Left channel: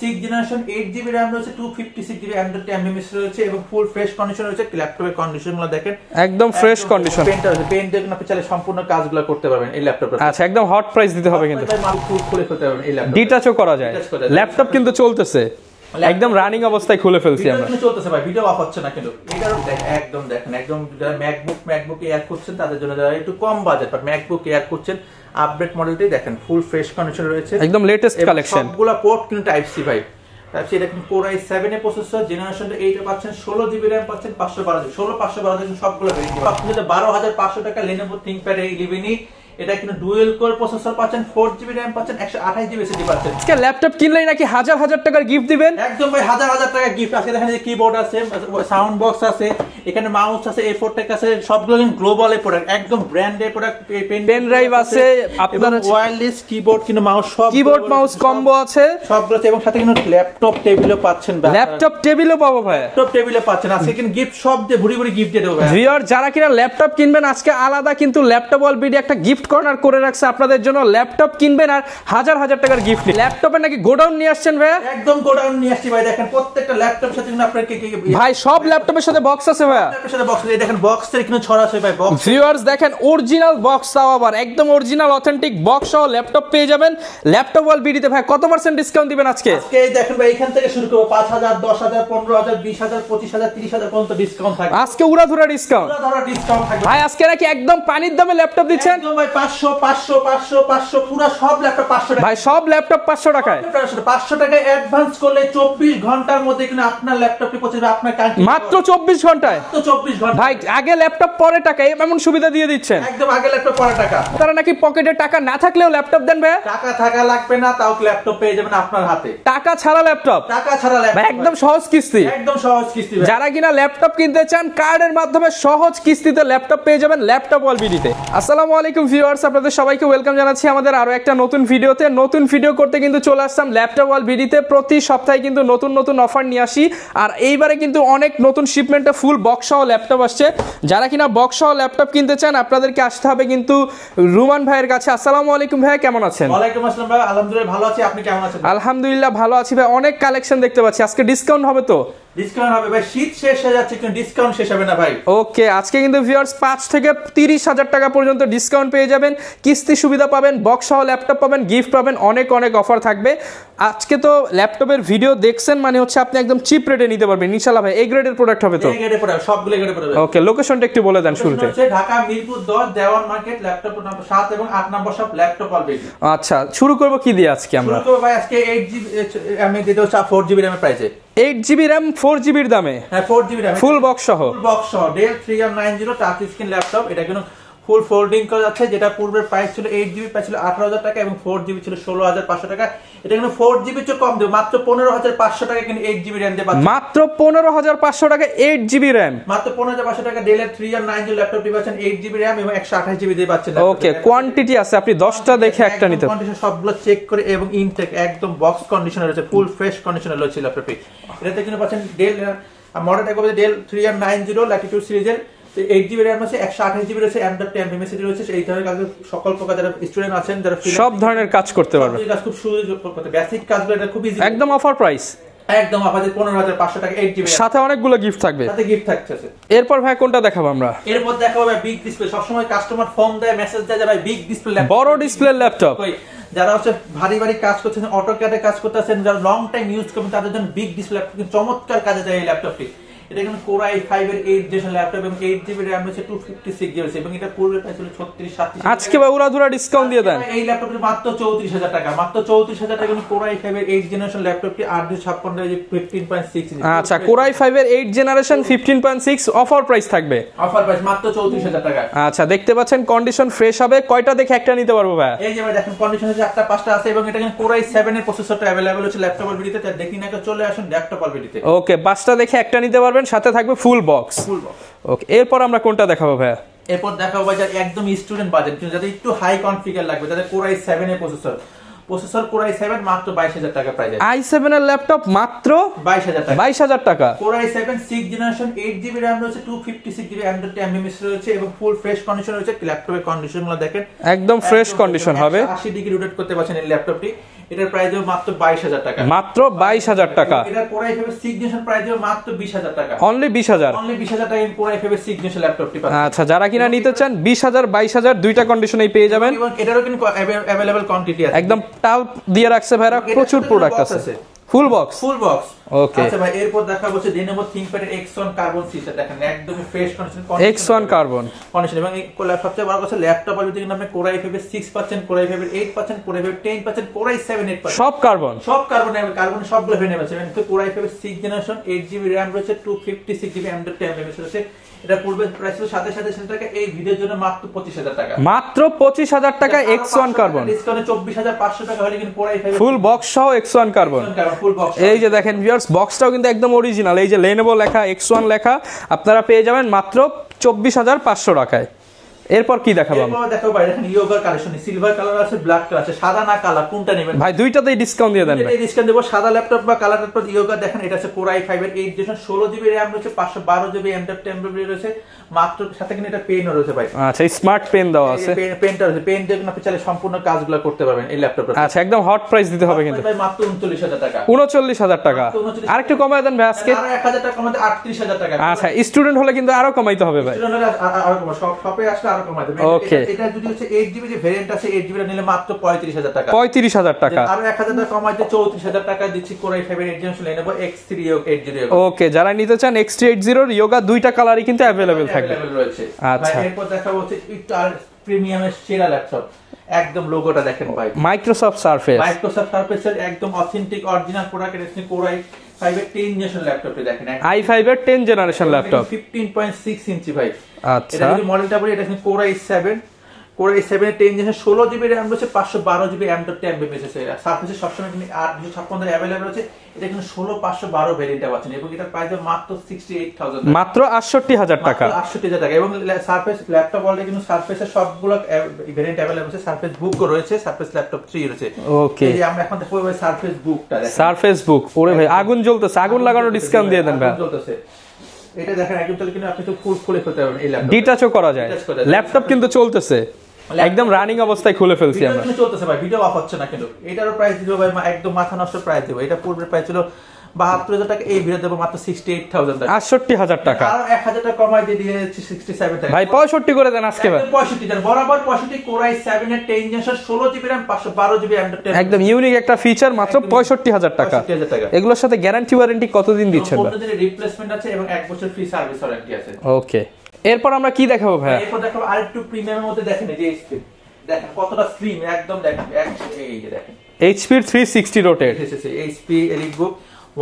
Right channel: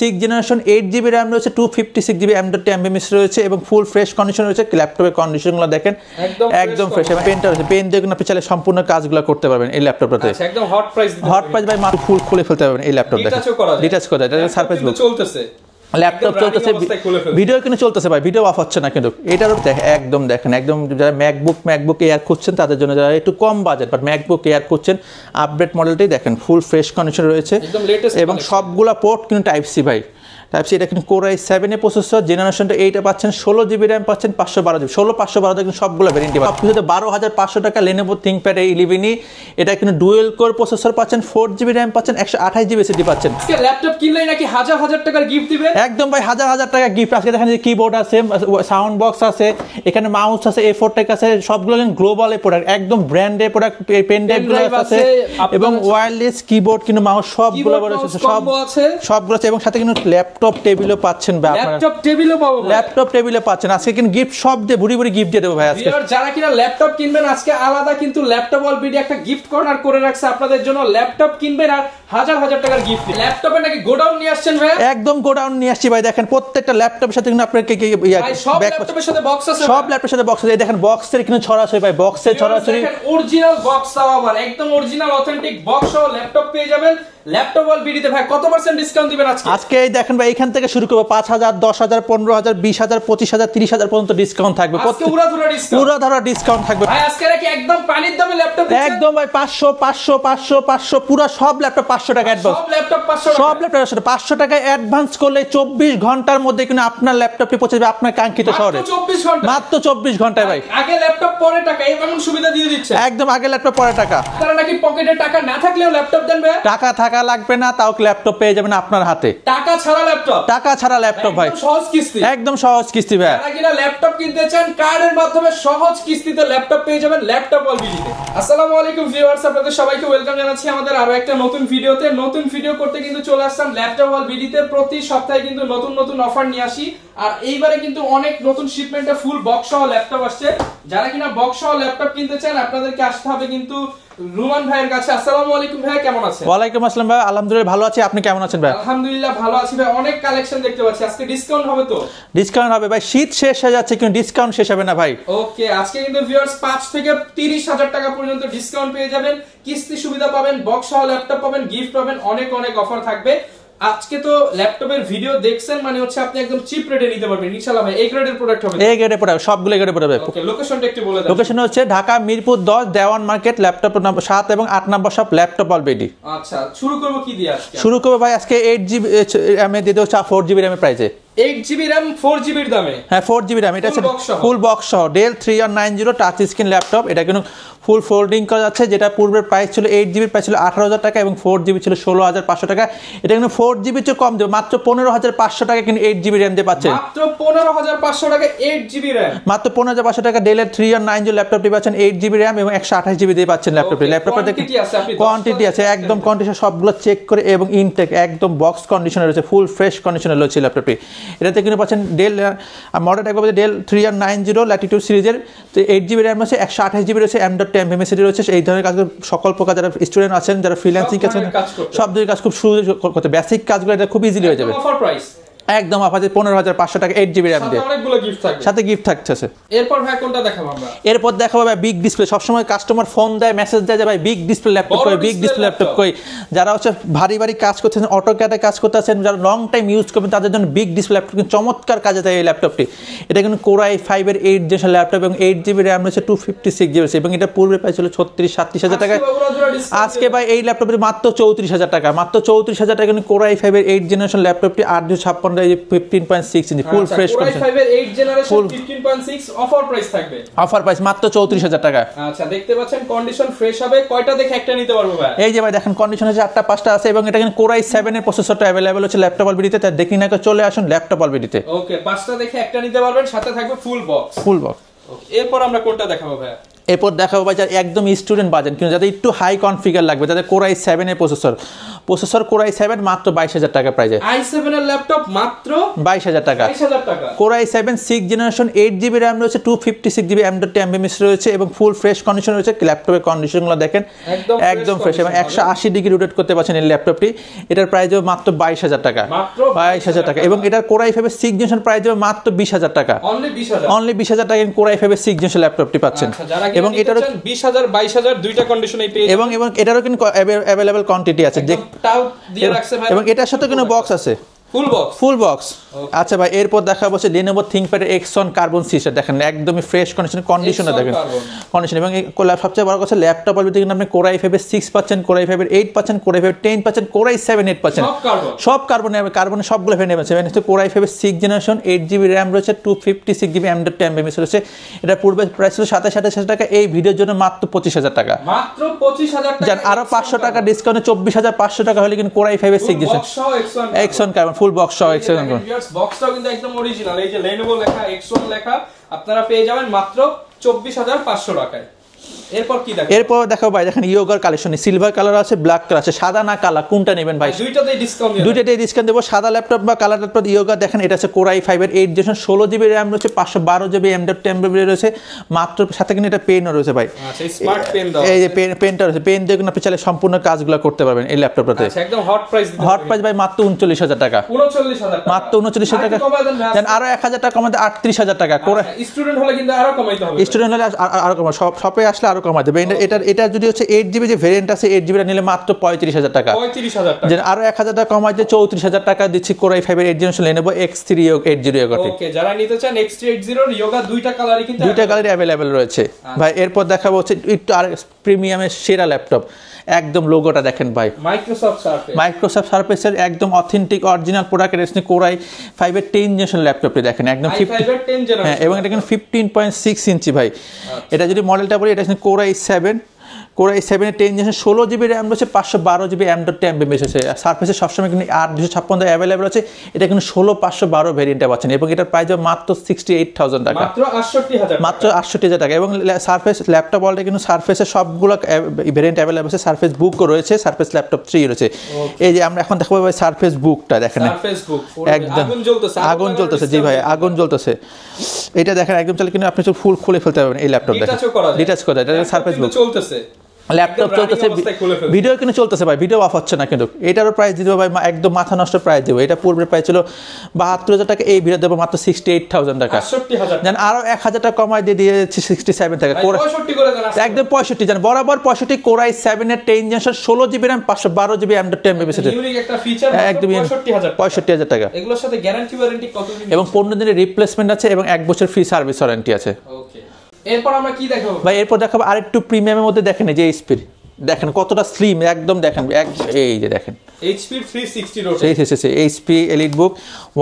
6 generation 8GB RAM রয়েছে, 256GB M.2 রয়েছে এবং ফুল ফ্রেশ কন্ডিশন রয়েছে। ল্যাপটপের কন্ডিশনগুলো দেখেন একদম ফ্রেশ কন্ডিশন। পেনটা আছে, পেন দিয়ে আপনি চাইলে সম্পূর্ণ কাজগুলো করতে পারবেন এই ল্যাপটপটাতে। আচ্ছা, একদম হট প্রাইস দিতে হবে কিন্তু। ভাই মাত্র ফুল খুলে ফেলতে পারবেন এই ল্যাপটপটা। ডিটাচও করা যায়, ডিটাচ করা যায়। ল্যাপটপ কিন্তু চলতেছে, একদম রানিং অবস্থায় খুলে ফেলছি। ভিডিও কিন্তু চলতেছে ভাই, ভিডিও অফ হচ্ছে না কিন্তু। এটা দেখেন একদম যারা ম্যাকবুক এয়ার খুঁজছেন তাদের জন্য, যারা একটু কম বাজেট বাট ম্যাকবুক এয়ার খুঁজছেন, আপডেট মডেলটাই দেখেন ফুল ফ্রেশ কন্ডিশন রয়েছে, একদম লেটেস্ট কালেকশন। সবগুলা পোর্ট কিন্তু টাইপ সি ভাই, টাইপ সি। এটা কিন্তু Core i7 এর প্রসেসর, জেনারেশনটা 8 এ পাচ্ছেন, 16GB RAM পাচ্ছেন, 512GB 512 কিন্তু সবগুলো ভ্যারিয়েন্ট পাচ্ছেন। আপনি যদি 12500 টাকা Lenovo ThinkPad A11 এটা কিন্তু ডুয়াল কোর প্রসেসর পাচ্ছেন, 4GB RAM পাচ্ছেন, 128GB SSD পাচ্ছেন। আজকে ল্যাপটপ কিনলেই নাকি হাজার হাজার টাকার গিফট দিবেন? একদম ভাই, হাজার হাজার টাকা গিফট। আজকে দেখেন যে কিবোর্ড আছে, সাউন্ড বক্স আছে, এখানে মাউস আছে, A4 টেক আছে, সবগুলো গ্লোবাল এর প্রোডাক্ট, একদম ব্র্যান্ডের প্রোডাক্ট। পেন ড্রাইভ আছে এবং ওয়্যারলেস কিবোর্ড কিন্তু মাউস সব কিবোর্ড মাউস কম্বো আছে, সবগুলো আছে এবং সাথে কিন্তু ল্যাপটপ টেবিলও পাচ্ছেন। ল্যাপটপ টেবিলও পাবো ভাই, ল্যাপটপ টেবিলও পাচ্ছেন। আজকে কিন্তু গিফট সব দিয়ে ভরি ভরি গিফট দিয়ে দেবো ভাই। ভিউয়ার যারা কিনা ল্যাপটপ কিনবেন আজকে আলাদা কিন্তু ল্যাপটপ অল বিডি একটা গিফট কর্নার করে রাখছে আপনাদের জন্য। ল্যাপটপ কিনবেন আর হাজার হাজার টাকার গিফট। ল্যাপটপে নাকি গোডাউন নিয়ে আসছেন ভাই? একদম গোডাউন নিয়ে আসছি ভাই। দেখেন প্রত্যেকটা ল্যাপটপের সাথে কিন্তু আপনার ভাই সব ল্যাপটপের সাথে বক্স আছে ভাই, সব ল্যাপটপের সাথে বক্স আছে। দেখেন বক্সের এখানে ছড়া আছে ভাই, বক্সের ছড়া আছে। দেখেন অরিজিনাল বক্স দাও, আবার একদম অরিজিনাল অথেন্টিক বক্স সহ ল্যাপটপ পেয়ে যাবেন ল্যাপটপ অল বিডিতে। ভাই কত % ডিসকাউন্ট দিবেন আজকে? আজকে দেখেন ভাই এখান থেকে শুরু করব 5000, 10000, 15000, 20000, 25000, 30000 পর্যন্ত ডিসকাউন্ট থাকবে। আজকে উড়াধুরা ডিসকাউন্ট, উড়াধুরা ডিসকাউন্ট থাকবে ভাই। আজকে নাকি একদম পানির দামে ল্যাপটপ দিচ্ছেন? একদম ভাই 500 500 500 500 পুরো সব ল্যাপটপ 500 টাকা। ভাই সব ল্যাপটপ 500 টাকা, সব ল্যাপটপ 500 টাকা অ্যাডভান্স করলে 24 ঘন্টার মধ্যে কিন্তু আপনার ল্যাপটপটি পৌঁছে যাবে আপনার কাঙ্ক্ষিত শহরে। মাত্র 24 ঘন্টা, মাত্র 24 ঘন্টা ভাই। আগে ল্যাপটপ পরে টাকা, এমন সুবিধা দিয়ে দিচ্ছে। একদম আগে ল্যাপটপ পরে টাকা। তারা নাকি পকেটে টাকা না থাকলেও ল্যাপটপ দেন ভাই? টাকা থাকা লাগবে না, তাও ল্যাপটপ পেয়ে যাবেন আপনার হাতে। টাকা ছাড়া ল্যাপটপ, টাকা ছাড়া ল্যাপটপ ভাই, একদম সহজ কিস্তি, একদম সহজ কিস্তি ভাই। যারা কিনা ল্যাপটপ কিনতে চান কার্ডের মাধ্যমে সহজ কিস্তিতে ল্যাপটপ পেয়ে যাবেন ল্যাপটপ অল বিডিতে। আসসালামু আলাইকুম ভিউয়ার্স, আপনাদের সবাইকে ওয়েলকাম জানাচ্ছি আমাদের আরো একটা নতুন ভিডিওতে। নতুন ভিডিও করতে কিন্তু চলে আসলাম ল্যাপটপ অল বিডিতে। প্রতি সপ্তাহে কিন্তু নতুন নতুন অফার নিয়ে আসি, আর এইবারে কিন্তু অনেক নতুন শিপমেন্টে ফুল বক্স সহ ল্যাপটপ আসছে। যারা কিনা বক্স সহ ল্যাপটপ কিনতে চান আপনাদেরকে আসতে হবে কিন্তু রুমান ভাইয়ের কাছে। আসসালামু আলাইকুম ভাই, কেমন আছেন? ওয়ালাইকুম আসসালাম ভাই, আলহামদুলিল্লাহ ভালো আছি। আপনি কেমন আছেন ভাই? আলহামদুলিল্লাহ ভালো আছি ভাই। অনেক কালেকশন দেখতে পাচ্ছি, আজকে ডিসকাউন্ট হবে তো? ডিসকাউন্ট হবে ভাই, শীত শেষ হয়ে যাচ্ছে কিন্তু ডিসকাউন্ট শেষ হবে না ভাই। ওকে, আজকে কিন্তু ভিউয়ার্স 5 থেকে 30,000 টাকা পর্যন্ত ডিসকাউন্ট পেয়ে যাবেন, কিস্তি সুবিধা পাবেন, বক্স সহ ল্যাপটপ পাবেন, গিফট পাবেন, অনেক অনেক অফার থাকবে। আজকে তো ল্যাপটপের ভিডিও দেখছেন মানে হচ্ছে আপনি একদম চিপ রেটে নিতে পারবেন ইনশাআল্লাহ ভাই। এই গ্রেডের প্রোডাক্ট হবে তো? এই গ্রেডের প্রোডাক্ট সবগুলো গ্রেডের প্রোডাক্ট। ওকে, লোকেশনটা একটু বলে দেন। লোকেশন হচ্ছে ঢাকা মিরপুর 10 দেওয়ান মার্কেট, ল্যাপটপ নম্বর 7 এবং 8 নম্বর সব ল্যাপটপ অলরেডি। আচ্ছা, শুরু করব কি দিয়ে আজকে? শুরু করব ভাই আজকে 8GB RAM এ দিয়ে দেব 4GB RAM এর প্রাইসে। 8GB RAM 4GB এর দামে? হ্যাঁ 4GB RAM, ফুল বক্স সহ। ফুল বক্স সহ Dell 3190 টাচ স্ক্রিন ল্যাপটপ। এটা কিন্তু ফুল ফোল্ডিং করা যাচ্ছে, যেটা পূর্বের প্রাইস ছিল 8GB প্রাইস ছিল 18000 টাকা এবং 4GB ছিল 16500 টাকা। এটা কিন্তু 4GB চেয়ে কম দেবে, মাত্র 15500 টাকা কিন্তু 8GB RAM দিয়ে পাচ্ছেন। মাত্র 15500 টাকা 8GB RAM, মাত্র 15500 টাকা Dell 3190 ল্যাপটপটি পাচ্ছেন 8GB RAM এবং 128GB দিয়ে পাচ্ছেন ল্যাপটপে। কোয়ান্টিটি আছে, আপনি 10টা দেখে একটা একদম নিতে কন্ডিশন সবগুলো চেক করে এবং ইনটেক একদম বক্স কন্ডিশনে রয়েছে, ফুল ফ্রেশ কন্ডিশনে রয়েছে ল্যাপটপটি। এটাতে কিন্তু পাচ্ছেন Dell মডেল একবার Dell 3190 ল্যাটিটিউড সিরিজের 8GB RAM আছে, 128GB রয়েছে, M.2 MSD রয়েছে। এই ধরনের কাজ সকল প্রকার যারা স্টুডেন্ট আছেন, যারা ফ্রিল্যান্সিং আছেন, কাজ করতে পারবেন, সব ধরনের কাজ খুব সহজে করতে, বেসিক কাজগুলো এটা খুব ইজি হয়ে যাবে। একদম অফার প্রাইস, একদম আপনাদের 15500 টাকা 8GB RAM, সাথে অনেকগুলো গিফট থাকবে, সাথে গিফট থাকছে। এরপর ভাই কোনটা দেখাবো আমরা? এরপর দেখাবো ভাই বিগ ডিসপ্লে। সবসময় কাস্টমার ফোন দেয়, মেসেজ দেয় যে ভাই বিগ ডিসপ্লে ল্যাপটপ, বড় বিগ ডিসপ্লে ল্যাপটপ কই। যারা হচ্ছে ভারী ভারী কাজ করতেছেন, অটোক্যাডে কাজ করতেছেন, যারা লং টাইম ইউজ করবেন তাদের জন্য বিগ ডিসপ্লে ল্যাপটপ কিন্তু চমৎকার কাজে দেয় এই ল্যাপটপটি। এটা কিন্তু Core i5 এর 8 জেনারেশন ল্যাপটপ এবং 8GB RAM রয়েছে, 256GB এবং এটা পূর্বে প্রাইস ছিল 36-37,000 টাকা। আজকে ভাই উড়াধুরা ডিসকাউন্ট দিয়ে দেন। আজকে ভাই এই ল্যাপটপের মাত্র 34000 টাকা, মাত্র 34000 টাকা কিন্তু Core i5 এর 8 জেনারেশন ল্যাপটপটি 856 15.6 ইঞ্চি ফুল ফ্রেশ। Core i5 এর 8 জেনারেশন 15.6 অফার প্রাইস থাকবে। অফার প্রাইস মাত্র 34000 টাকা। আচ্ছা, দেখতে পাচ্ছেন কন্ডিশন ফ্রেশ হবে। কয়টা দেখে একটা নিতে পারবো ভাই? এই যে ভাই দেখেন কন্ডিশন হচ্ছে 8টা 5টা আছে এবং এটা কিন্তু Core i7 এর প্রসেসরটা अवेलेबल হচ্ছে ল্যাপটপ অলবিডিতে। তাই দেখি না চলে আসুন ল্যাপটপ অলবিডিতে। ওকে, 5টা দেখে একটা নিতে পারবেন, সাথে থাকবে ফুল বক্স। ওকে, এরপর আমরা কোনটা দেখাবো ভাই? এরপর দেখাবো ভাই যারা একদম স্টুডেন্ট বাজেট কিন্তু যাদের একটু হাই কনফিগার লাগবে, যাদের Core i7 এর প্রসেসর প্রসেসর কোর i7 মাত্র 22,000 টাকা প্রাইসে। i7 এর ল্যাপটপ মাত্র 22,000 টাকা। 22,000 টাকা। Core i7 6th generation 8GB RAM রয়েছে, 256GB M.2 রয়েছে এবং ফুল ফ্রেশ কন্ডিশন রয়েছে। ল্যাপটপের কন্ডিশনগুলো দেখেন একদম ফ্রেশ কন্ডিশন হবে। 180 ডিগ্রি রোটেট করতে পারছেন এই ল্যাপটপটি। এটার প্রাইস হবে মাত্র 22,000 টাকা। মাত্র 22,000 টাকা। এবং এটার core i5 6th generation price হবে মাত্র 20,000 টাকা। অনলি 20,000। অনলি 20,000 টাকা কোর i5 6th জেনারেশন ল্যাপটপটি পাচ্ছেন। আচ্ছা, যারা কিনা নিতে চান 20,000 22,000 দুইটা কন্ডিশনেই পেয়ে যাবেন। এবং এটারও কিন্তু अवेलेबल কোয়ান্টিটি আছে। একদম টাও দিয়ে রাখছে ভাই। এবং এটার সাথে কোনো বক্স আছে, ফুল বক্স। Full box. ওকে। আচ্ছা ভাই, এরপর দেখা হচ্ছে Lenovo ThinkPad X1 carbon series. দেখেন একদমই fresh condition X1 carbon condition. এবং সবচেয়ে বড় কথা ল্যাপটপ বলতে কিন্তু আপনি কোর i5 6 পাচ্ছেন, কোর i5 8 পাচ্ছেন, কোর i5 10 পাচ্ছেন, কোর i7 8 পাচ্ছেন। সব কার্বন, সব কার্বন সবগুলো ভেন্ডে আছে। মানে core i5 6th generation 8GB RAM রয়েছে, 256GB M.2 রয়েছে। এটা পূর্বে প্রাইস ছিল 27,000 টাকা, এই ভিডিওর জন্য মাত্র 25,000 টাকা। মাত্র 25,000 টাকা। আর 500 টাকা ডিসকাউন্টে 24,500 টাকা হলে কিন্তু কোর i5 ফুল 6 বক্স সহ X1 কার্বন ফুল বক্স। এই যে দেখেন ভিউয়ার্স, বক্সটাও কিন্তু একদম অরিজিনাল। এই যে Lenovo লেখা, X1 লেখা, আপনারা পেয়ে যাবেন মাত্র 24,500 টাকায়। এরপর কি দেখো? এরপর দেখো ভাই, দেখেন ইয়োগার কালেকশন, সিলভার কালার আছে, ব্ল্যাক কালার আছে, সাদা না কালার কোনটা নেবেন ভাই? দুইটাতেই ডিসকাউন্ট দিয়ে দেব। দুইটাতেই ডিসকাউন্ট দেব। সাদা ল্যাপটপ বা কালার ল্যাপটপ ইয়োগা দেখেন, এটা আছে কোর i5 এর 8 জেনারেশন 16GB RAM রয়েছে, 512GB M.2 রয়েছে মাত্র। সাথে কিন্তু এটা পেনও রয়েছে ভাই। আচ্ছা, স্মার্ট পেন দাও আছে। এই যে পেনটা রয়েছে, পেন দিয়ে কিন্তু আপনি চাইলে সম্পূর্ণ কাজগুলো করতে পারবেন এই ল্যাপটপটাতে। আচ্ছা, একদম হট প্রাইস দিতে হবে কিন্তু ভাই, মাত্র 39,000 টাকা। 39,000 টাকা। মাত্র 39,000 টাকা। আরেকটু কমায় দেন ভাই আজকে। আরো 1,000 টাকা কমাতে 38,000 টাকা। আচ্ছা, স্টুডেন্ট হলে কিন্তু আরো কমাইতে হবে। স্টুডেন্ট হলে আরো কমা, শপে আসলে আরো কমা দেবে। এটা যদি হচ্ছে 8GB যে ভেরিয়েন্ট আছে, 8GB নিলে মাত্র 35,000 টাকা। 35,000 টাকা। আরো 1,000 টাকা কমাই দিয়ে 34,000 টাকা দিচ্ছি কোর i5 এর 8 জেনারেশন Lenovo X380 Yoga। ওকে, যারা নিতে চান X380 Yoga দুইটা কালারই কিন্তু अवेलेबल রয়েছে ভাই। এরপর দেখাবো হচ্ছে একটু আর প্রিমিয়ামের সেরা ল্যাপটপ। একদম লোগোটা দেখেন ভাই, মাইক্রোসফট সারফেসের একদম অথেন্টিক অরিজিনাল প্রোডাক্ট। এটা কোর i5 এর 10 জেনারেশন ল্যাপটপটি দেখেন, একদম i5 এর 10 জেনারেশন ল্যাপটপ, 15.6 ইঞ্চি ভাই। এটা যদি মডেলটা বলি, এটা কোর i7 এর 10 জেনারেশন 16GB RAM রয়েছে, 512GB M.2 রয়েছে। সারফেসে সবসময় কিন্তু 8,256 অ্যাভেলেবল আছে। এটা কিন্তু 16512 ভেরিয়েন্টটা পাচ্ছেন এবং এটার প্রাইস মাত্র 68,000 টাকা। মাত্র 68,000 টাকা। মাত্র 68,000 টাকা। এবং সারফেস ল্যাপটপ অলরেডি কিন্তু সারফেসের সবগুলো ভেরিয়েন্ট অ্যাভেলেবল আছে। সারফেস বুকও রয়েছে, সারফেস ল্যাপটপ 3 রয়েছে। এই যে আমরা এখন দেখাবো সারফেস বুকটা দেখেন। সারফেস বুক ওরে ভাই, আগুন জ্বলতেছে, আগুন লাগানো ডিসকাউন্ট দিয়ে দেন। আগুন জ্বলতেছে। এটা দেখেন একদম চলে, কিন্তু আপনি ফুল খুলে ফেলতে পারবেন এই ল্যাপটপ। ডিটাচও করা যায়। ল্যাপটপ কিন্তু চলতেছে, একদম রানিং অবস্থায় খুলে ফেলছি। ভিডিও কিন্তু চলতেছে ভাই, ভিডিও অফ হচ্ছে না কিন্তু। এটারও প্রাইস দিব ভাই একদম মাথা নষ্ট প্রাইস দেব। এটা পূর্বে প্রাইস ছিল 72,000 টাকা, এই ভিডিও দেব মাত্র 68,000 টাকা। 68,000 টাকা। আরো 1,000 টাকা কমাই দিয়ে দিয়েছি 67 টাকা। ভাই 65 করে দেন আজকে। একদম 65 জান, বরাবর 65। কোর i7 এর 10 generation 16GB RAM 512GB M.2 একদম ইউনিক একটা ফিচার, মাত্র 65,000 টাকা। 65,000 টাকা। এগুলোর সাথে গ্যারান্টি ওয়ারেন্টি কতদিন দিচ্ছেন? এবং 15 দিনের রিপ্লেসমেন্ট আছে এবং 1 বছর ফ্রি সার্ভিস ওয়ারেন্টি আছে। ওকে, এরপর আমরা কি দেখাবো ভাই? এরপর দেখাবো আরেকটু প্রিমিয়ামের মধ্যে দেখেন যে এইচপি দেখেন কতটা স্লিম, একদম দেখেন। এই যে দেখেন HP 360 রোটে HP EliteBook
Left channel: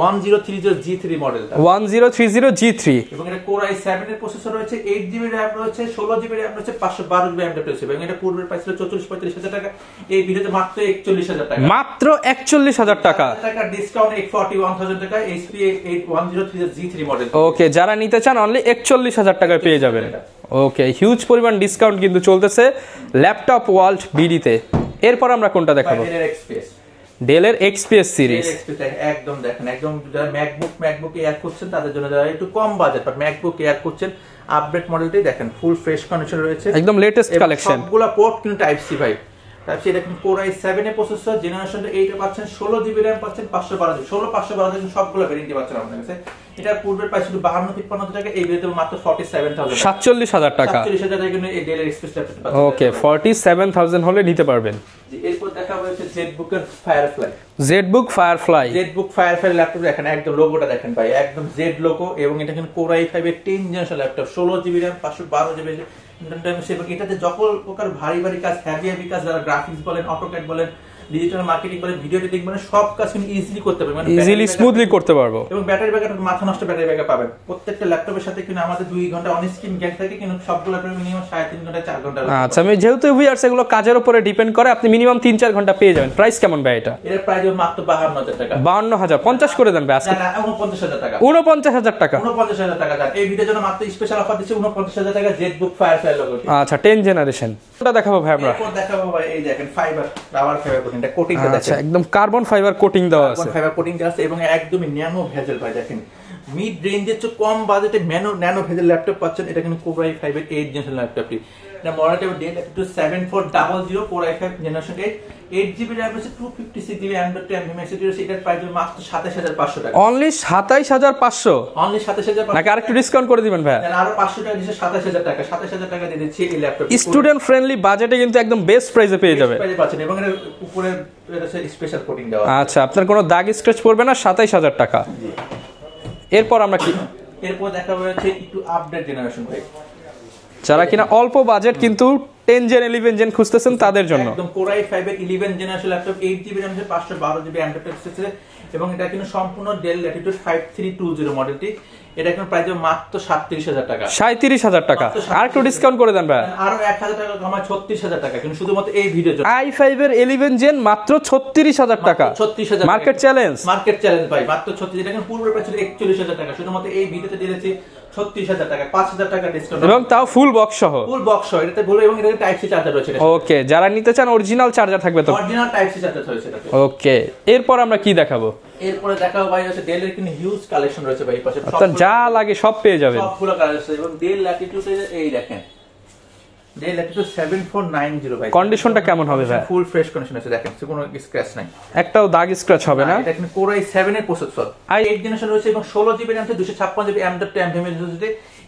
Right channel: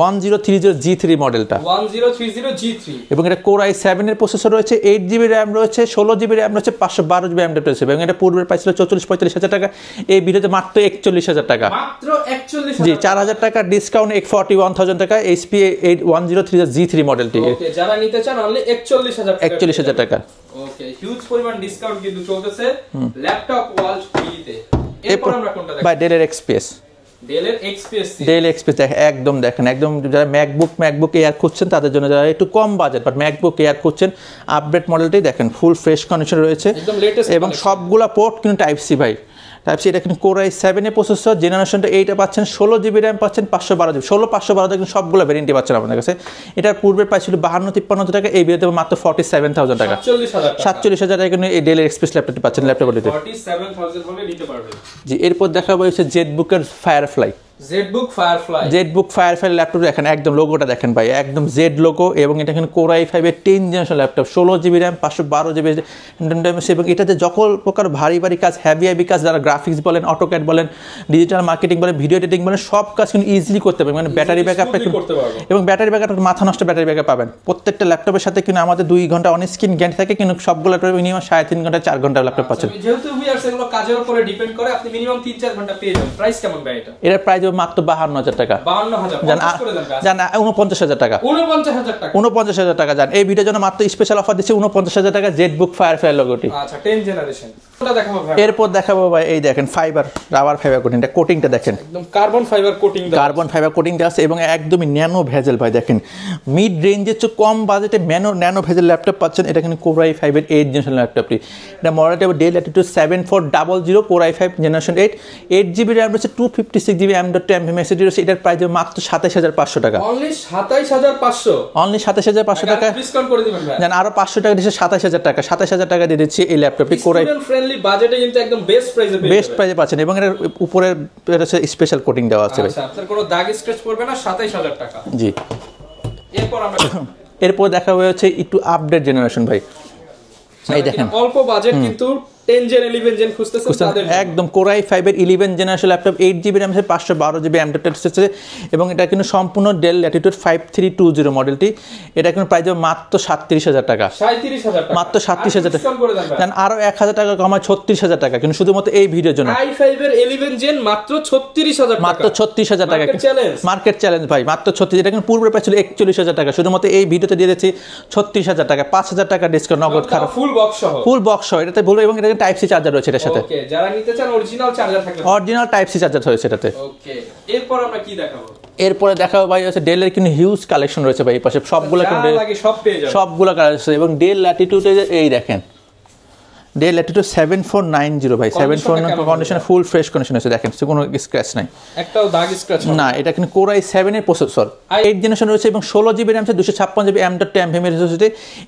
1030G3 মডেলটা, 1030G3 এবং এটা কোর i7 এর প্রসেসর রয়েছে, 8GB RAM রয়েছে, 16GB RAM রয়েছে, 512GB M.2 রয়েছে। এবং এটা পূর্বের প্রাইস ছিল 44-45,000 টাকা, এই ভিডিওতে মাত্র 41,000 টাকা। মাত্র 41,000 টাকা। 4,000 টাকা ডিসকাউন্ট, 41,000 টাকা HP 1030G3 মডেলটি। ওকে, যারা নিতে চান অনলি 41,000 টাকা পেয়ে যাবেন। ওকে, হিউজ পরিমাণ ডিসকাউন্ট কিন্তু চলতেছে ল্যাপটপ ওয়ার্ল্ড বিডিতে। এরপর আমরা কোনটা দেখাবো? ডেলের XPS। ডেলের XPS সিরিজ। ডেল XPS একদম দেখেন, একদম যারা ম্যাকবুক এয়ার খুঁজছেন তাদের জন্য, যারা একটু কম বাজেট বাট ম্যাকবুক এয়ার খুঁজছেন, আপডেট মডেলটাই দেখেন, ফুল ফ্রেশ কন্ডিশন রয়েছে, একদম লেটেস্ট কালেকশন। সবগুলা পোর্ট কিন্তু টাইপ সি ভাই। Type C. এটা কিন্তু কোর i7 এর প্রসেসর, জেনারেশনটা 8 পাচ্ছেন, 16GB RAM পাচ্ছেন, 512GB 512 কিন্তু সবগুলো ভেরিয়েন্টই পাচ্ছেন আপনাদের কাছে। এটার পূর্বের প্রাইস ছিল 52-53 টাকা, এই ভিডিওতে মাত্র 47,000 টাকা। 47,000 টাকা। 47,000 টাকা কিন্তু এই ডেলের XPS ল্যাপটপটি পাচ্ছেন। ল্যাপটপটি 47,000 হলে নিতে পারবেন। জি, এরপর দেখাবো হচ্ছে জেটবুকের ফায়ারফ্লাই। জেটবুক ফায়ারফ্লাই ল্যাপটপ দেখেন, একদম লোগোটা দেখেন ভাই, একদম জেড লোগো। এবং এটা কিন্তু কোর i5 এর 10 generation laptop, 16GB RAM 512GB। এবং এটাতে সকল প্রকার ভারী কাজ, হেভি কাজ, যারা গ্রাফিক্স বলেন, অটোক্যাড বলেন, ডিজিটাল মার্কেটিং বলেন, ভিডিও এডিটিং বলেন, সব কাজ কিন্তু ইজিলি করতে পারবেন। মানে ব্যাটারি ব্যাকআপ করতে পারবো। এবং ব্যাটারি ব্যাকআপ মাথা নষ্ট ব্যাটারি ব্যাকআপ পাবেন। প্রত্যেকটা ল্যাপটপের সাথে কিন্তু আমাদের 2 ঘন্টা অন স্ক্রিন গ্যান্ট থাকে, কিন্তু সবগুলো ল্যাপটপে মিনিমাম 3.5 ঘন্টা 4 ঘন্টা ল্যাপটপ। আচ্ছা, আমি যেহেতু ভিউয়ার্স এগুলো কাজের উপরে ডিপেন্ড করে, আপনি মিনিমাম 3-4 ঘন্টা পেয়ে যাবেন। প্রাইস কেমন ভাই এটা? এর প্রাইস প্রাইস মাত্র 52,000 টাকা। 52,000 50 করে দেন ভাই জান 49,000 টাকা। 49,000 টাকা। 49,000 টাকা জান। এই ভিডিওর জন্য মাত্র স্পেশাল অফার দিচ্ছি 49,000 টাকা জেটবুক ফায়ারফ্লাই লোগোটি। আচ্ছা 10 জেনারেশন। কোনটা দেখাবো ভাই? এরপর দেখাবো ভাই এই দেখেন ফাইবার রাবার ফাইবার কোটিংটা, কোটিংটা দেখেন একদম কার্বন ফাইবার কোটিং দেওয়া আছে। কার্বন ফাইবার কোটিং দেওয়া আছে এবং একদমই ন্যানো ভেজেল ভাই দেখেন মিড রেঞ্জের চেয়ে কম বাজেটে ন্যানো ভেজেল ল্যাপটপ পাচ্ছেন। এটা কিন্তু Core i5 এর 8 জেনারেশন ল্যাপটপটি। এটা মডেলটা Dell Latitude 7400 Core i5 generation 8GB RAM রয়েছে, 256GB M.2 MMSD রয়েছে। এটার প্রাইস মাত্র 27,500 টাকা। অনলি 27,500। অনলি 27,500 টাকা। ডিসকাউন্ট করে দিবেন ভাই। জান আরো 500 টাকা দিচ্ছে 27,000 টাকা। 27,000 টাকা দিয়ে দিচ্ছি এই ল্যাপটপটি। স্টুডেন্ট ফ্রেন্ডলি বাজেটে কিন্তু একদম বেস্ট প্রাইসে পেয়ে যাবেন। বেস্ট প্রাইসে পাচ্ছেন এবং এর উপরে রয়েছে স্পেশাল কোটিং দেওয়া আছে। আচ্ছা আপনার কোনো দাগ স্ক্র্যাচ পড়বে না, 27,000 টাকা। জি। এরপর আমরা কি এরপর দেখা হয়েছে একটু আপডেট জেনারেশন ভাই, যারা কিনা অল্প বাজেট কিন্তু 10 জেন 11 জেন খুঁজতেছেন তাদের জন্য একদম Core i5 এর 11 জেনারেশন ল্যাপটপ 8GB RAM এর 512GB M.2 আছে এবং এটা কিন্তু সম্পূর্ণ Dell Latitude 5320 মডেলটি। এটা কিন্তু প্রাইস মাত্র 37,000 টাকা। 37,000 টাকা। মাত্র 37,000 ডিসকাউন্ট করে দেন ভাই। আরো 1,000 টাকা কমায় 36,000 টাকা কিন্তু শুধুমাত্র এই ভিডিওর জন্য। i5 এর 11 জেন মাত্র 36,000 টাকা। মাত্র 36,000 টাকা। মার্কেট চ্যালেঞ্জ ভাই মাত্র 36। এটা কিন্তু পূর্বে প্রাইস ছিল 41,000 টাকা, শুধুমাত্র এই ভিডিওতে দিয়ে দিয়েছি 36,000 টাকা। 5,000 টাকা ডিসকাউন্ট এবং তাও ফুল বক্স সহ। ফুল বক্স সহ এটাতে বলো এবং এটাতে টাইপ সি চার্জার রয়েছে এটার সাথে। ওকে যারা নিতে চান অরিজিনাল চার্জার থাকবে তো। অরিজিনাল টাইপ সি চার্জার রয়েছে এটাতে। ওকে এরপর আমরা কি দেখাবো? এরপরে দেখাবো ভাই আছে ডেল এর কিন্তু হিউজ কালেকশন রয়েছে ভাই, এই পাশে সবগুলো যা লাগে সব পেয়ে যাবেন। সবগুলো কালেকশন এবং Dell Latitude এই দেখেন Dell Latitude 7490 ভাই। কন্ডিশনটা কেমন? কন্ডিশন ফুল ফ্রেশ কন্ডিশন আছে দেখেন, কোনো স্ক্র্যাচ নাই, একটাও দাগ স্ক্র্যাচ হবে না। এটা কিন্তু Core i7 এর প্রসেসর 8 জেনারেশন রয়েছে এবং 16GB RAM আছে, 256GB M.2 MMSD।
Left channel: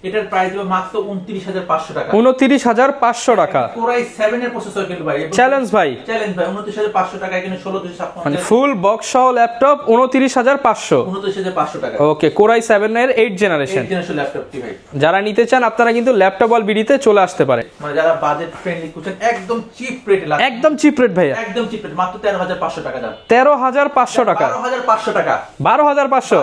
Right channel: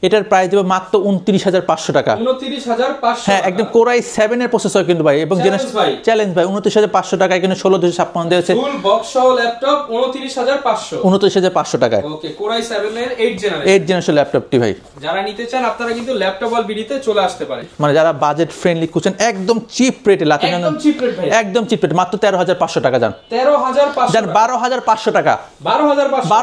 এটার প্রাইস দেব মাত্র 29,500 টাকা। 29,500 টাকা। একদম Core i7 এর প্রসেসর কিন্তু ভাই এবং চ্যালেঞ্জ ভাই 29,500 টাকা। এখানে 16,256 আছে ফুল বক্স সহ ল্যাপটপ 29,500। 29,500 টাকা। ওকে Core i7 এর 8 জেনারেশন ল্যাপটপটি ভাই। যারা নিতে চান আপনারা কিন্তু ল্যাপটপ অল বিডিতে চলে আসতে পারে। মানে যারা বাজেট ফ্রেন্ডলি খুঁজছেন একদম চিপ রেটে, একদম চিপ রেট ভাই, একদম চিপ রেট মাত্র 13,500 টাকা। জান 13,500 টাকা। 12,500 টাকা। 12,500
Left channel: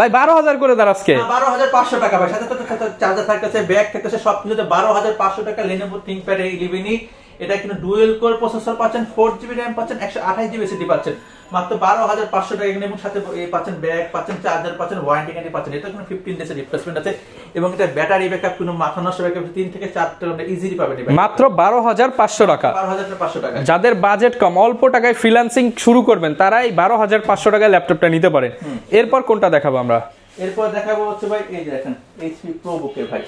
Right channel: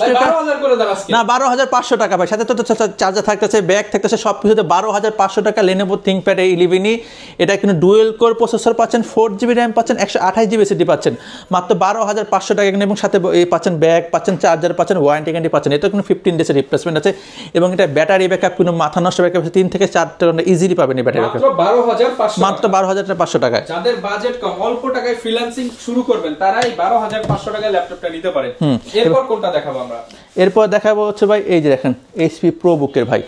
ভাই 12,000 করে দেন আজকে। না 12,500 টাকা ভাই, সাথে তো চার্জার থাকতেছে, ব্যাগ থাকতেছে, সবকিছুতে 12,500 টাকা। Lenovo ThinkPad এই11 এটা কিন্তু ডুয়েল কোর প্রসেসর পাচ্ছেন, 4GB RAM পাচ্ছেন, 128GB SSD পাচ্ছেন মাত্র 12,500 টাকা এখানে। এবং সাথে এই পাচ্ছেন ব্যাগ পাচ্ছেন, চার্জার পাচ্ছেন, ওয়ারেন্টি গ্যারান্টি পাচ্ছেন। এটা কিন্তু 15 ডেজের রিপ্লেসমেন্ট আছে এবং এটা ব্যাটারি ব্যাকআপ কোনো মাথা নষ্ট ব্যাকআপ 3 থেকে 4 ঘন্টা ইজিলি পাবেন এই ব্যাটারি। মাত্র 12,500 টাকা। মাত্র 12,500 টাকা। যাদের বাজেট কম অল্প টাকায় ফ্রিল্যান্সিং শুরু করবেন তারাই 12,500 টাকায় ল্যাপটপটা নিতে পারেন। এরপর কোনটা দেখাবো আমরা? এরপর দেখাবো হচ্ছে ভাই এই যে দেখেন HP ProBook-এর ভাই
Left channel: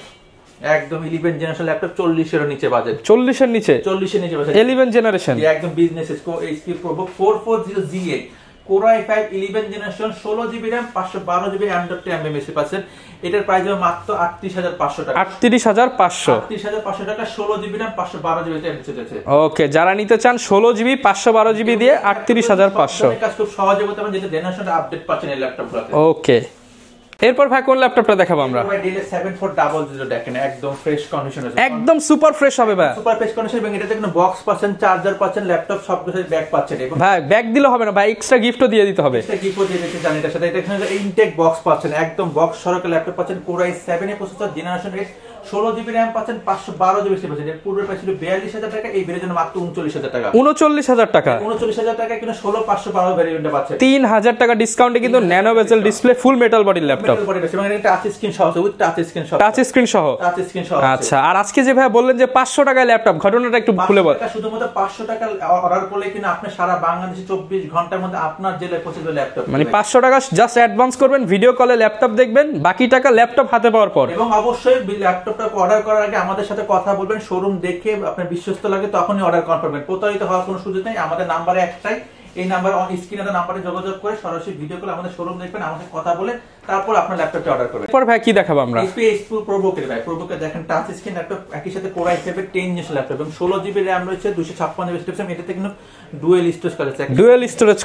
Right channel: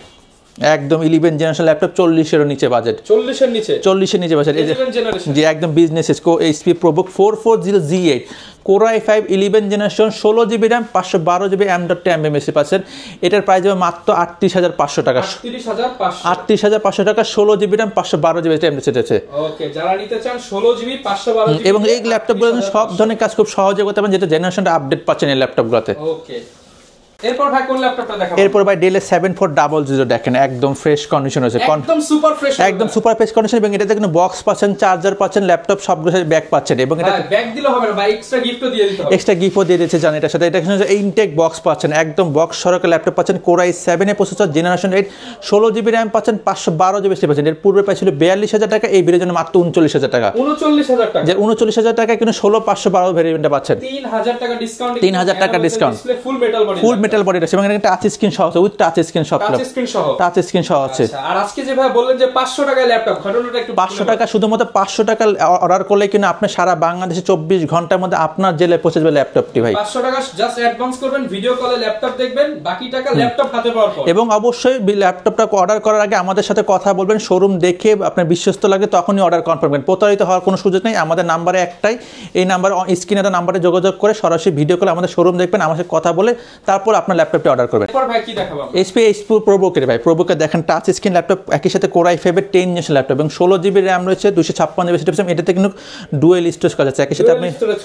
একদম 11 জেনারেশন ল্যাপটপ, 40 এর নিচে বাজেট। 40 এর নিচে বাজেট 11 জেনারেশন যে একদম business HP ProBook 4400Z8 Core i5 11 generation, 16GB RAM 512GB M.2 MMSD পাচ্ছেন। এটার প্রাইস হবে মাত্র 38,500 টাকা। 38,500 টাকা। 16GB RAM 512GB MMSD আছে। ওকে যারা নিতে চান 16GB 512GB দিয়ে 38,500 সব ধরনের কাজ খুব সহজে করতে পারেন, যেটা জেনারেশনটা আপডেট পাচ্ছেন এই ল্যাপটপগুলোতে। ওকে এরপর ভাই কোন ল্যাপটপটা দেখাবো? এরপর ভাই Dell 7400 দেখেন একদম ফ্রেশ কন্ডিশন আছে, একদম সুপার ফ্রেশ হবে, একদম সুপার ফ্রেশ কন্ডিশন এবং এটাতে কোনো বক্স পাচ্ছেন, চার্জার পাচ্ছেন, ল্যাপটপ সবগুলো সাথে ব্যাগ পাচ্ছেন এবং ভাই ব্যাগ দিলে হবে না ভাই, এক্সট্রা গিফটও দিয়ে দিতে হবে। এক্সট্রা গিফটও দিয়ে দিয়েছে জানেন এটার সাথে। এটা ইনটেক বক্স পাচ্ছেন, একদম বক্স সরকার ল্যাপটপ পাচ্ছেন। Core i7 এর প্রসেসর জেনারেশন 8 16GB RAM পাচ্ছেন, 512GB SSD পাচ্ছেন। এর পূর্বে প্রাইস ছিল 42,000 টাকা, এই ভিডিওর জন্য মাত্র 39,000 টাকা। 39,000 টাকা। 39,000 টাকা কিন্তু 16512 ভেরিয়েন্টে পাচ্ছেন। 3,000 টাকা ডিসকাউন্টে কিন্তু ন্যানো বেজেল display full metal body laptop. ফুল মেটাল বডি আছে এবং এটা টাচ স্ক্রিন সহ আছে, উইথ টাচ স্ক্রিন সহ। টাচ স্ক্রিন সহ আছে। আচ্ছা আর আজকে যে ভাই বললেন যে 500 টাকায় ল্যাপটপ, ঘটনাটা একটু খুলে বলুন। 500 টাকা শুধুমাত্র 500 টাকা অর্ডার করলে কিন্তু আপনি সারা বাংলাদেশে 24 ঘন্টার মধ্যে আপনার জেলায় পৌঁছে যাবে ল্যাপটপ। মানে 500 টাকা জাস্ট অ্যাডভান্স করবেন, ভিডিও কলে ল্যাপটপ দেখবেন, বাকি টাকা ল্যাপটপ হাতে পাওয়ার পর। এবং অবশ্যই ল্যাপটপটা অর্ডার করার আগে আমাদের সাথে কথা বলবেন, শোরুম দেখে আপনার বিশ্বস্ত লাগে তখনই অর্ডার কনফার্ম করবেন। প্রতারিত হওয়ার কোনো সুযোগ নেই। আমাদের নাম্বারে একটাই, এই নাম্বার স্ক্রিনে দেওয়া নাম্বারে যোগাযোগ করে সরাসরি ভিডিও কলে আমাদের শোরুম দেখবেন, আমার সাথে কথা বলে তারপর আপনার ল্যাপটপটি অর্ডার করবেন। এরপর ভাই কি দেখাবো আমরা? HP ProBook-এর ভাই ProBook-এর দেখেন টাচ স্ক্রিন ল্যাপটপ, একই সাথে Core i5 এর 10 জেনারেশন ল্যাপটপ এবং 16GB RAM রয়েছে, 256GB SSD পাচ্ছেন। এটাতে কিন্তু ডুয়াল স্টোরেজ করা আছে, ডুয়াল স্টোরেজ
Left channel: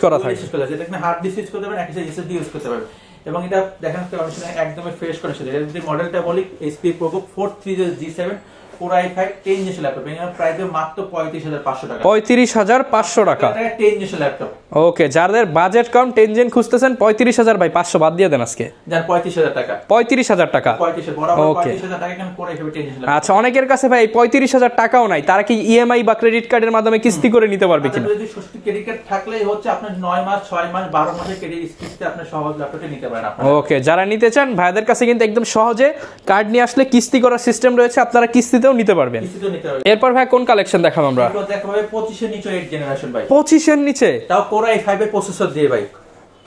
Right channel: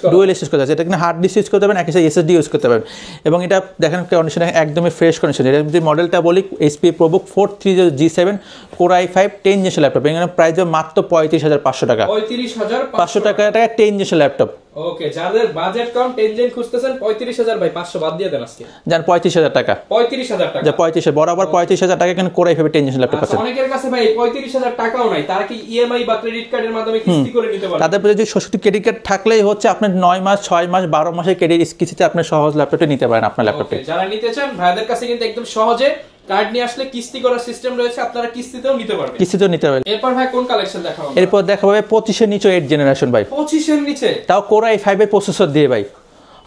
করা আছে। এটা কিন্তু হার্ড ডিস্ক ইউজ করতে পারবেন, একই সাথে SSD ইউজ করতে পারবেন এবং এটা দেখেন কন্ডিশন একদমই ফ্রেশ কন্ডিশন। এর যে মডেলটা বলি HP ProBook 430G7 Core i5 10 generation laptop, এখানে প্রাইস মাত্র 35,500 টাকা। 35,500 টাকা 10 জেনারেশন ল্যাপটপ। ওকে যাদের বাজেট কম 10 জেন খুঁজতেছেন 35,000 ভাই 500 বাদ দিয়ে দেন আজকে। যার 35,000 টাকা। 35,000 টাকা, 35,000 বরাবর 35,000 টাকা এখানে কোরাই ফাইভের 10 জেনারেশন ল্যাপটপ। আচ্ছা, অনেকের কাছে ভাই 35,000 টাকাও নাই, তারা কি ইএমআই বা ক্রেডিট কার্ডের মাধ্যমে কিস্তি করে নিতে পারবে? তাদের যদি 66 ক্রেডিট কার্ড থাকলেই হচ্ছে আপনার 9 মাস 6 মাস 12 মাসের ক্রেডিট কিস্তিতে আপনি সহজ ল্যাপটপটা নিতে পারেন আপনার ল্যাপটপ। ওকে, যারা নিতে চান ভাইদের কাছে কিন্তু একদম সহজে কার্ড নিয়ে আসলে কিস্তি করার সিস্টেম রয়েছে, আপনারা কিস্তিতেও নিতে পারবেন। কিস্তিতেও নিতে পারবেন। এরপর ভাই কোন কালেকশন দেখাবো আমরা? এরপর দেখাবো 25 এর নিচে 8 জেনারেশন ভাই। 25 এর নিচে তাও কোরাই 5 এর প্রসেসর দিয়ে ভাই,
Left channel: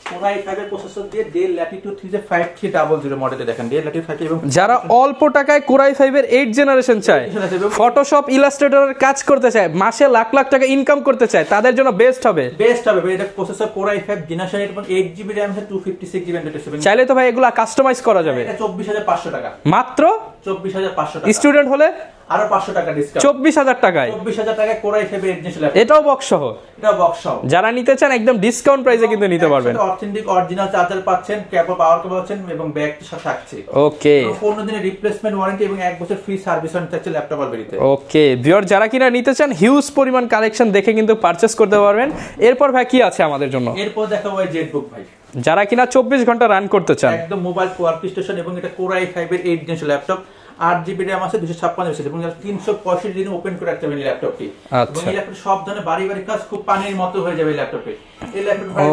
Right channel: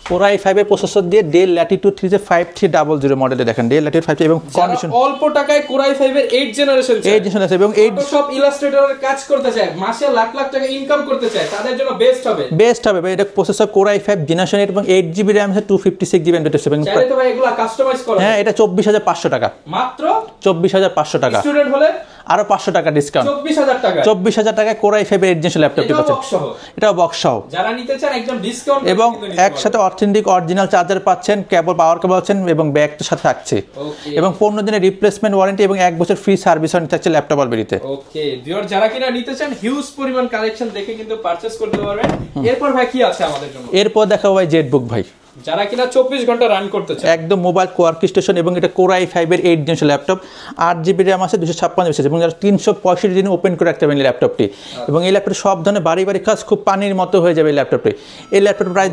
কোরাই 5 এর প্রসেসর দিয়ে ডেল ল্যাটিটিউড 5300 মডেলে দেখেন, ডেল ল্যাটিটিউড 5 এবং যারা অল্প টাকায় কোরাই 5 এর 8 জেনারেশন চায় এবং ফটোশপ ইলাস্ট্রেটরের কাজ করতে চায়, মাসে লাখ লাখ টাকা ইনকাম করতে চায়, তাদের জন্য বেস্ট হবে। এটা প্রসেসর কোরাই 5 জেনারেশন 8 এবং 8GB RAM আছে, 256GB RAM। চাইলে তো ভাই এগুলো কাস্টমাইজ করা হ্যাঁ, যাবে। এটা 24,500 টাকা, মাত্র 24,500 টাকা। স্টুডেন্ট হলে আরো 500 টাকা ডিসকাউন্ট, 24,000 টাকা। 24,000 টাকা কোরাই 5 এর 8 জেনারেশন ল্যাপটপ। এটাও বক্স সহ, এটাও বক্স সহ। যারা নিতে চান একদম ডিসকাউন্ট প্রাইসে কিন্তু নিতে পারবেন। একসাথে অথেন্টিক অরিজিনাল চার্জার পাচ্ছেন, কেবল পাওয়ার কেবল পাচ্ছেন এবং ব্যাগ তো সাথে থাকছে। ওকে, এবং 15 দিনের রিপ্লেসমেন্ট ওয়ারেন্টি এবং 1 বছর ফ্রি সার্ভিস ওয়ারেন্টি থাকছে ল্যাপটপ অলবেরিতে। ওকে ভিউয়ার, যারা কিনা নিতে চান হিউজ পরিমাণ কালেকশন দেখে কিন্তু পারচেজ করতে পারবেন। এরপর ভাই কি আছে আমাদের জন্য? এরপর দেখাবো ভাই জেটবুক ভাই, যারা কিনা 24 ঘন্টা রান করতে চান, একদম মোবাইল কোয়ার্ক স্টেশন এবং এটা কোরাই 5 এর 8 জেনারেশন ল্যাপটপ, 8GB RAM আছে, 256 এবং যারা 365 দিন ওপেন করে রাখতে পারেন এই ল্যাপটপটি। এবং এই ল্যাপটপ সব ধরনের বাড়ি কাজ খুব পানির মতো হয়ে যাবে এই ল্যাপটপে। এই ল্যাপটপ প্রাইস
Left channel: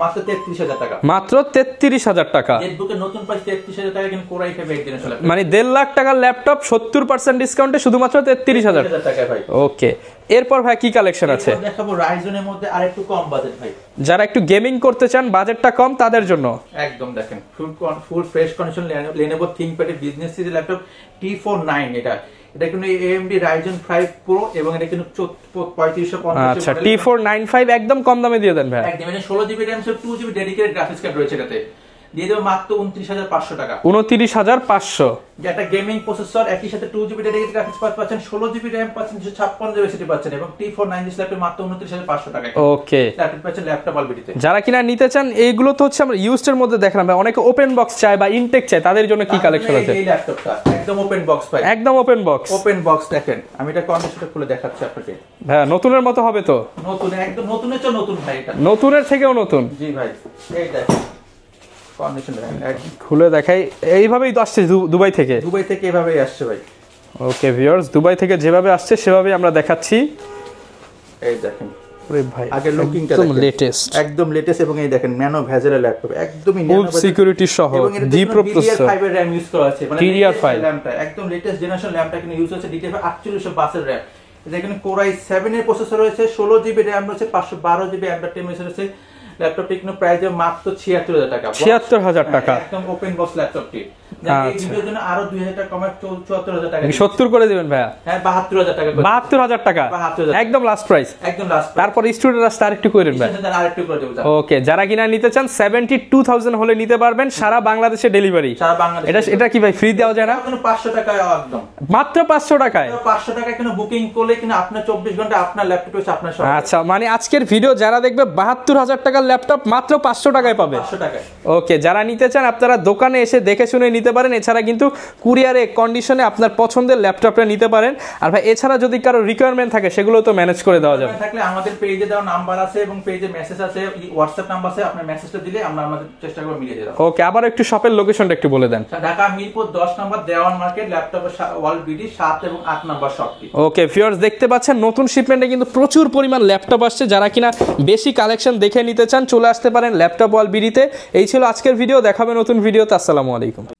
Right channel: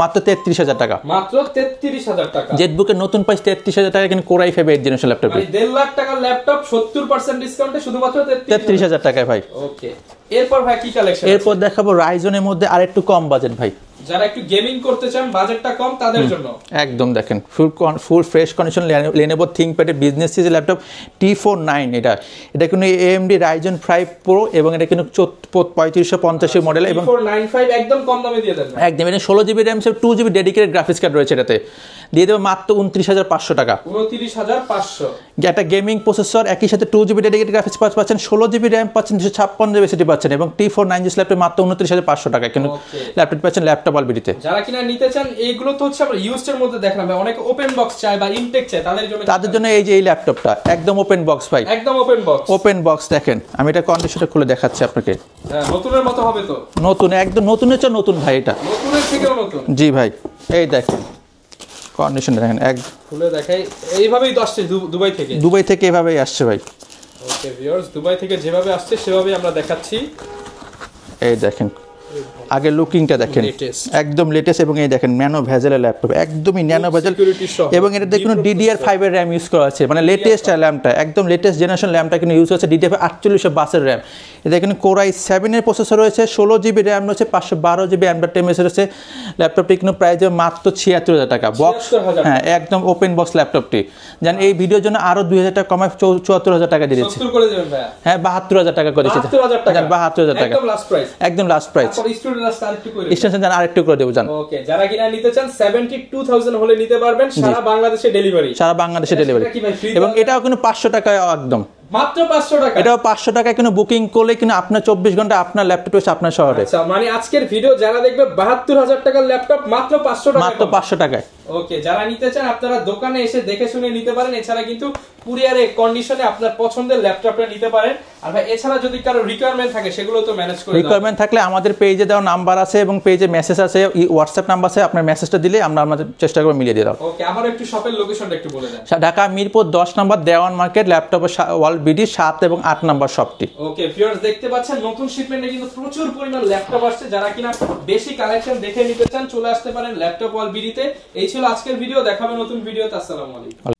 মাত্র 33,000 টাকা, মাত্র 33,000 টাকা। জেটবুকের নতুন প্রাইস 33,000 টাকা, কিন্তু কোরাই 5 এর 8 জেনারেশন ল্যাপটপ মানে 1.5 লাখ টাকার ল্যাপটপ 70% ডিসকাউন্টে শুধুমাত্র 33,000 টাকায় ভাই। ওকে, এরপর ভাই কি কালেকশন আছে? এরপর দেখাবো রাইজনের মধ্যে আরেকটু কম বাজেট ভাই, যারা একটু গেমিং করতে চান, বাজেটটা কম, তাদের জন্য একদম দেখেন full fresh condition Lenovo ThinkPad business series laptop T49। এটা কিন্তু AMD Ryzen 5 Pro এবং এটা কিন্তু 3550 মডেল। T495 একদম কম দামে দিয়ে দেন ভাই। একদম, এটা 16GB RAM 2GB dedicated graphics card রয়েছে, এটাতে দিয়ে দেবো মাত্র 29,500 টাকা। 29,500। একটা গেমিং প্রসেসর, একই সাথে 2GB ডেডিকেটেড গ্রাফিক্স পাচ্ছেন, 16GB RAM পাচ্ছেন, 256GB SSD পাচ্ছেন এবং T490 ল্যাপটপ মাত্র 29,500 টাকা। ওকে, ল্যাপটপ পাচ্ছেন ল্যাপটপ অলবেরিতে। যারা কিনা নিতে চান, এইগুলো তো হচ্ছে আমরা ইউজড এর মধ্যে দেখলাম ভাই, অনেকে ওপেন বক্স চায় বা ইনটেক চায়, তাদের জন্য কি কালেকশন আছে? এই ল্যাপটপটা একদম ওপেন বক্স ভাই, একদম ওপেন বক্স। ওপেন বক্স দেখেন, আমি এটা কন্ডিশনটা খুলে দেখাচ্ছি আপনাকে। হ্যাঁ, নতুনের মতো হবে তো? নতুন, একদম নতুনের চেয়ে নতুন ভাই, এটা নতুনের থেকেও নতুন। জি ভাই, এই দেখেন কন্ডিশন দেখেন, এক খুলে দেখাই। এইভাবেই তো আসছে দুবাই থেকে? দুবাই থেকে এভাবেই আসছে ভাই। ওকে ভিউয়ার্স, দুবাই থেকে যেভাবে আসছে সেভাবেই আমরা দেখাচ্ছি। এই দেখেন আগে লুকিংটা দেখেন, একদম লেটেস্ট এবং এই দেখেন ন্যানো ভেজেলের ল্যাপটপ, একদমই ন্যানো ভেজেল সিকিউরিটি সহ এবং এটা দেখুন DDR5 এর RAM ইউজ করা আছে, মানে লেটেস্ট ল্যাম্পটা, একদম লেটেস্ট জেনারেশন ল্যাম্পটা কিন্তু ইউজ হচ্ছে DDR5 4800 এর RAM। এটা এখানে কোরাই 7 এর প্রসেসর রয়েছে, 16GB RAM রয়েছে, 512GB RAM রয়েছে। ল্যাপটপটি কিন্তু প্রাইস মাত্র 76,000 টাকা। 76,000 টাকা, একদম ওপেন বক্স ল্যাপটপটি। জানেন এই ভিডিওর জন্য আরো 2,000 টাকা কমায় 74,000 টাকা দিয়েছি। 70 করে দিবেন ভাই? হ্যাঁ, 72,000 টাকা করে দিয়েছি। 72,000 টাকা, 72,000 টাকা একদম লাস্ট প্রাইস, একদম লাস্ট প্রাইস। তারপর স্টুডেন্টরা স্টার একটু করে দেবেন, স্টুডেন্ট আরেকটু করে দেব জান। ওকে, যারা কিনা নিতে চান 72,000 হলে নিতে পারবেন, সারা বাংলাদেশে ডেলিভারি। সারা বাংলাদেশে এটা কি ভাই ফ্রি দেওয়া? এটাও কিন্তু 500 টাকা, একদম মাত্র 500 টাকা। এটাও 500 টাকা কিন্তু বুকিং করলে কিন্তু আপনার 24 ঘন্টা আপনার ল্যাপটপ হচ্ছে আপনার শহরে। আচ্ছা, মানে আজকের ভিডিও যারা দেখবে 72,000 টাকার ল্যাপটপ মাত্র 500 টাকায় পাবেন। 500 টাকায়। ওকে, যারা নিতে চান আপনারা দোকানে এসে দেখে শুনে নিতে পারেন। এছাড়া কিন্তু কুরিয়ারে কন্ডিশনে আপনার পছন্দের ল্যাপটপটা নিতে পারেন। আর ভাই এছাড়া যদি কারো রিকোয়ারমেন্ট থাকে সেগুলো তো ম্যানেজ করে দেওয়া যাবে। রিকোয়ারমেন্ট থাকলে আমাদের পেজে দেওয়া নাম্বার আছে এবং পেজে মেসেজ আছে, হোয়াটসঅ্যাপ নাম্বার আছে, আপনার মেসেজটা দিলে আমরা আমাদের চেষ্টা করব মিলিয়ে দেব। ওকে, আবার একটু শপের লোকেশনটা একটু বলে দেন। ঢাকা মিরপুর 10 নম্বর দেওয়ান মার্কেট, ল্যাপটপের ওয়ার্ল্ড বিডি 7 এবং 8 নম্বর শপটি। ওকে ভিউয়ার্স, দেখতে পাচ্ছেন নতুন শিপমেন্টে কিন্তু প্রচুর পরিমাণ ল্যাপটপ আসছে। যারা কিনা বেশি কালেকশন দেখে নিতে চান চলে আসতে পারেন ল্যাপটপ ওয়ার্ল্ড বিডিতে। এই ছিল আজকের ভিডিও, দেখাবে নতুন ভিডিওতে। আসসালামু আলাইকুম।